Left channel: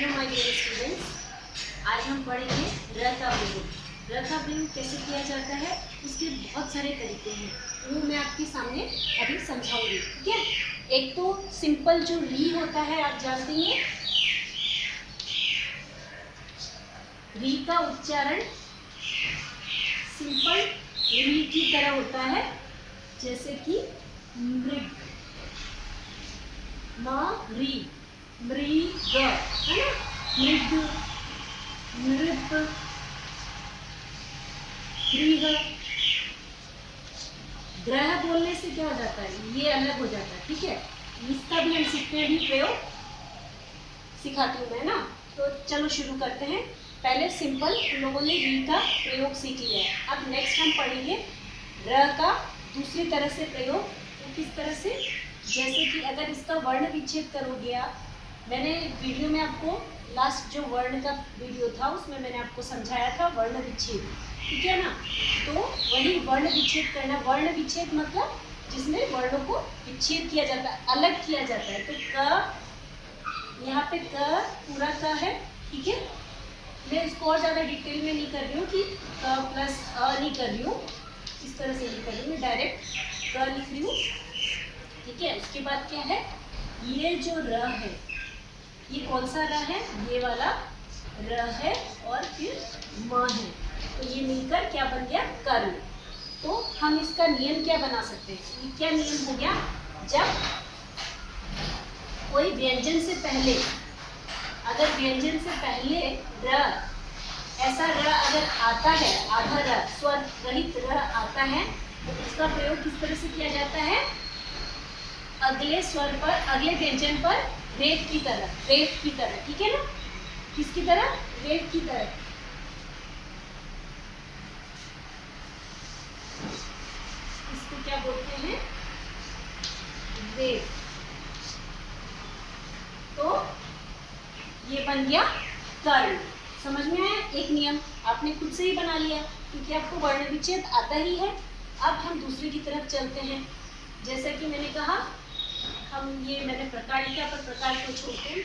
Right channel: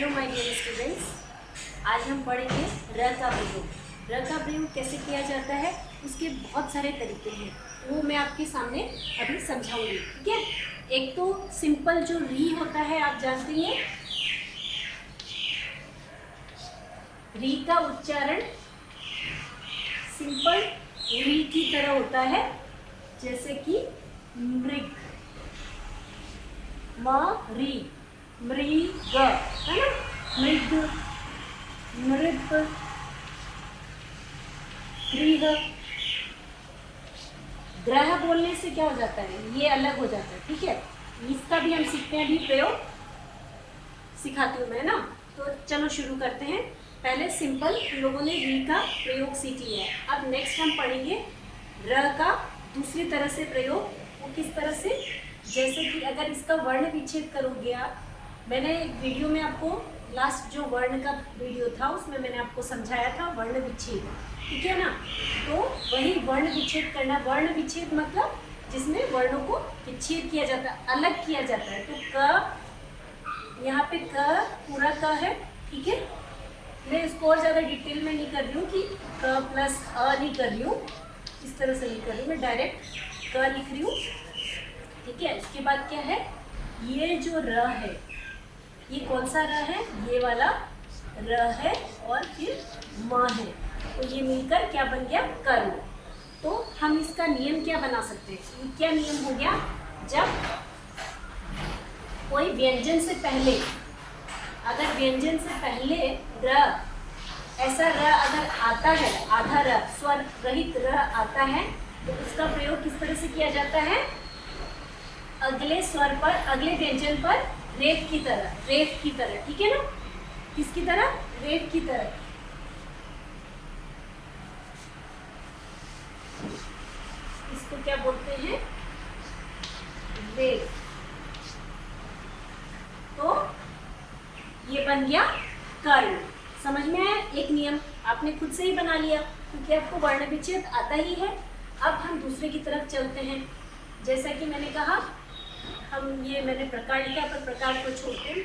Hello my dear students, आज हम पढ़ेंगे र का प्रयोग। र का प्रयोग कैसे किया जाता है, उसके बहुत सारे तरीके हैं, वो मैं आपके सामने अभी समझाऊंगी। ठीक है, एक तो सिंपल जो री होता है, आप जानते हैं री का उच्चारण सिंपल री की तरह होता है, जैसे कि मृग, री, मृग है ना, मृग, नृप, गृह। ग्रह बोलने से क्या हो जाता है, ये अलग हो जाता है। ठीक है, इसका भी हम सीखते हैं, अभी प्रयोग सिखाती हूँ मैं ना। तो चलो शुरू करते हैं। पहले सिंपल लोगों ने री का प्रयोग सीख लिया है, अब नेक्स्ट हम पढ़ेंगे र का दूसरी तरह से प्रयोग। वो किस तरह से, जैसे कि अगर इसका वर्ण विच्छेद करोगे आप, मैंने वीडियो में आपको लास्ट जो वर्ण का वीडियो था उसमें मैंने आपको समझाया था वर्ण विच्छेद, ठीक है ना। तो वही वर्ण विच्छेद करना। वर्ण विच्छेद मतलब जिसमें वर्णों को विच्छेद किया जाता है, अलग किया जाता है। तो क, यहाँ पे क पूरा क है, ठीक है। मैं इसको और ज़्यादा डिटेल में नहीं कर रही हूँ कि क प्लस अ नहीं कर रही हूँ, इस तरह से नहीं कर रही हूँ, मैं डायरेक्ट क लिख रही हूँ। ठीक है, उसके बाद क्या है, ये जो र है, ये कौन सा र है, ये वाला र है, और फिर म है, तो ये मिलकर क्या बन गया, कर्ण। तो हम इसका नियम क्या बना सकते हैं, ये क्या नियम हो गया, जब कोई व्यंजन से पहले, अगर व्यंजन से पहले र, ऐसा र अगर आता है, आधा र, स्वर रहित र आता है, तो उसका प्रयोग किस तरह से किया जाता है, अगले स्वर पर, अगले व्यंजन पर रेफ की तरह, रेफ की तरह, ठीक है ना। किसकी तरह, रेफ की तरह। इसको क्या बोलते हैं, रेफ। तो ये बन गया कर्ण। समझ में आया, एक नियम आपने खुद से ही बना लिया, क्योंकि आपको वर्ण विच्छेद आता ही है। अब हम दूसरे की तरफ चलते हैं। जैसा कि मैंने कहा, हम ये मैंने प्रकार लिखा, पर प्रकार को छोड़ते हैं,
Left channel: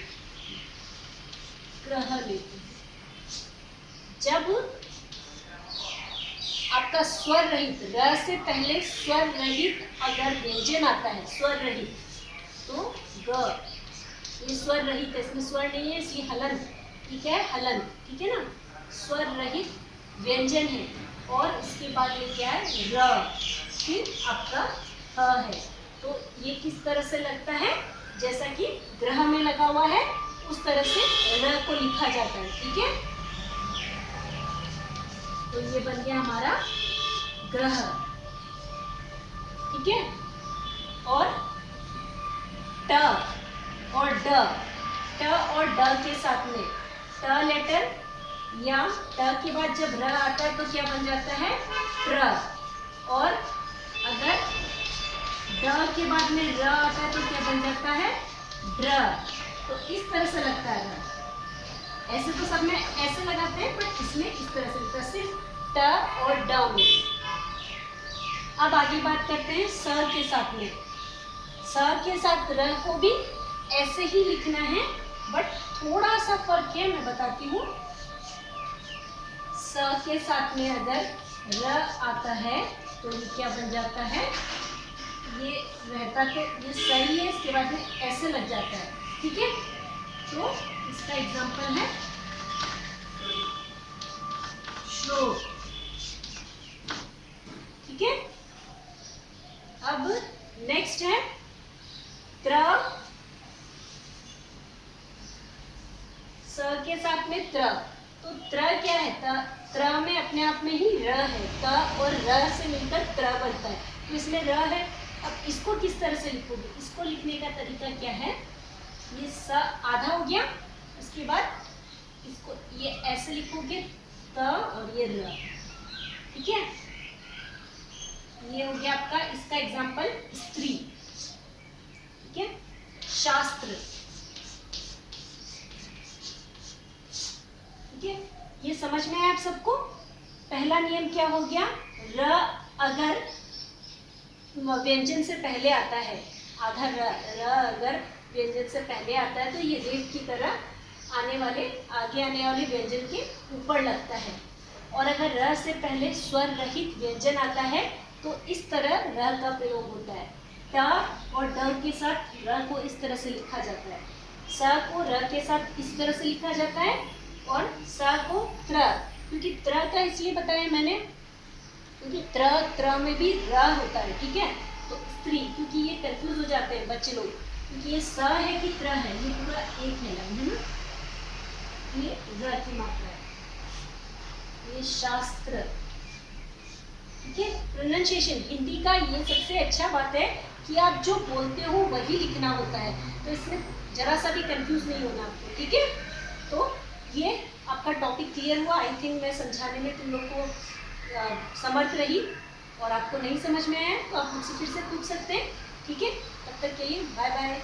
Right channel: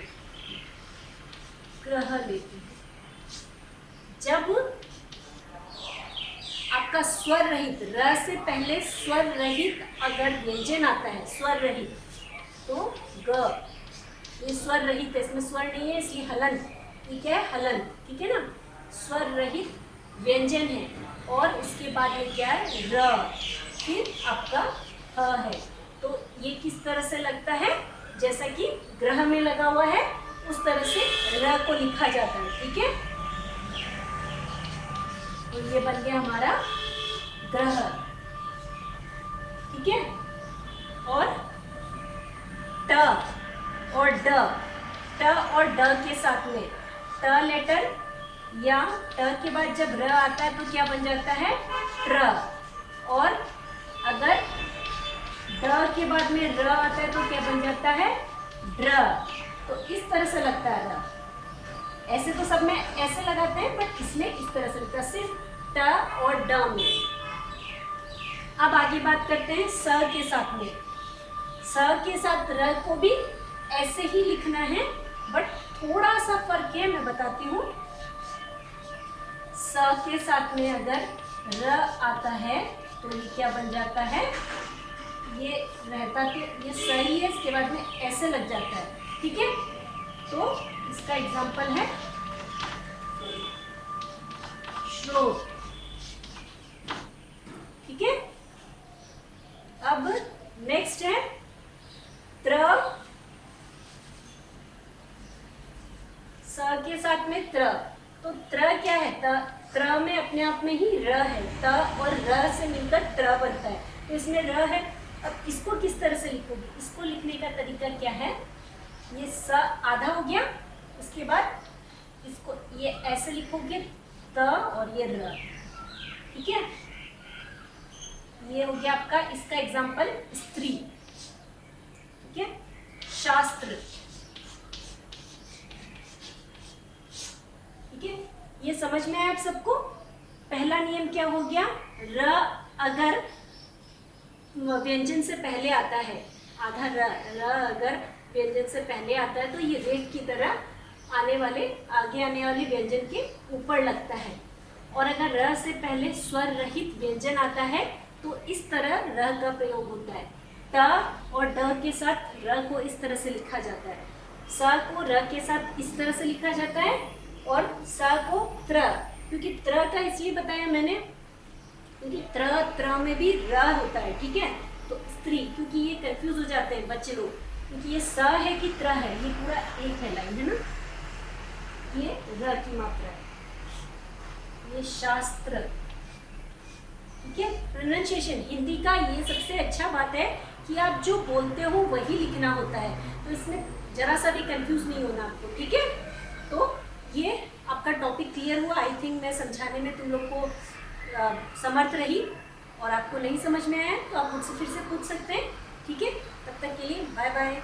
ग्रह लेते हैं। जब आपका स्वर रहित, र से पहले स्वर रहित अगर व्यंजन आता है, स्वर रहित, तो ग, ये स्वर रहित है, इसमें स्वर नहीं है, इसलिए हलन, ठीक है, हलन, ठीक है ना। स्वर रहित व्यंजन है, और उसके बाद में क्या है, र, फिर आपका ह है। तो ये किस तरह से लगता है, जैसा कि ग्रह में लगा हुआ है, उस तरह से र को लिखा जाता है, ठीक है। तो ये बन गया हमारा ग्रह, ठीक है। और ट और ड, ट और ड के साथ में, ट लेटर या ट के बाद जब र आता है तो क्या बन जाता है, ट्र। और अगर ड के बाद में र आता है तो क्या बन जाता है, ड्र। तो इस तरह से लगता है र। ऐसे तो सब में ऐसे लगाते हैं, बट इसमें इस तरह से लगता है, सिर्फ ट और ड में। अब आगे बात करते हैं स के साथ में। स के साथ र को भी ऐसे ही लिखना है, बट थोड़ा सा फर्क है, मैं बताती हूँ। स के साथ में अगर र आता है तो ये क्या बन जाता है, ये रहता तो ये सही है, इसके बाद में ऐसे लग जाता है, ठीक है। तो इसका एग्जाम्पल है श्लोक, ठीक है। अब नेक्स्ट है त्र, स के साथ में त्र। तो त्र क्या है, त्र में अपने आप में ही र है, त और र से मिलकर त्र बनता है, तो इसमें र है। अब इसको किस तरह से लिखोगे, इसको लिखने का तरीका क्या है, ये स आधा हो गया, उसके बाद इसको ये ऐसे लिखोगे, त और ये र, ठीक है। ये हो गया आपका, इसका एग्जाम्पल स्त्री, ठीक है। शास्त्र, ठीक है। ये समझ में आया आप सबको। पहला नियम क्या हो गया, र अगर व्यंजन से पहले आता है, आधा र अगर व्यंजन से पहले आता है तो ये रेफ की तरह आने आगे आने वाले व्यंजन के ऊपर लगता है। और अगर र से पहले स्वर रहित व्यंजन आता है तो इस तरह र का प्रयोग होता है। ट और ड के साथ र को इस तरह से लिखा जाता है, स को र के साथ इस तरह से लिखा जाता है, और स को त्र, क्योंकि त्र का इसलिए बताया मैंने क्योंकि त्र में भी र होता है, ठीक है। तो स्त्री, क्योंकि ये कंफ्यूज हो जाते हैं बच्चे लोग, क्योंकि ये स है कि त्र है, ये पूरा एक है लाइन, है ना। ये र की मात्रा है, ये शास्त्र, ठीक है। प्रोनाउंसिएशन हिंदी का ये सबसे अच्छा बात है कि आप जो बोलते हो वही लिखना होता है, तो इसमें जरा सा भी कंफ्यूज नहीं होना आपको, ठीक है। तो ये आपका टॉपिक क्लियर हुआ। आई थिंक मैं समझाने में तुम लोग को समर्थ रही, और आपको नहीं समझ में आया तो आप मुझसे फिर से पूछ सकते हैं, ठीक है। तब तक के लिए बाय बाय।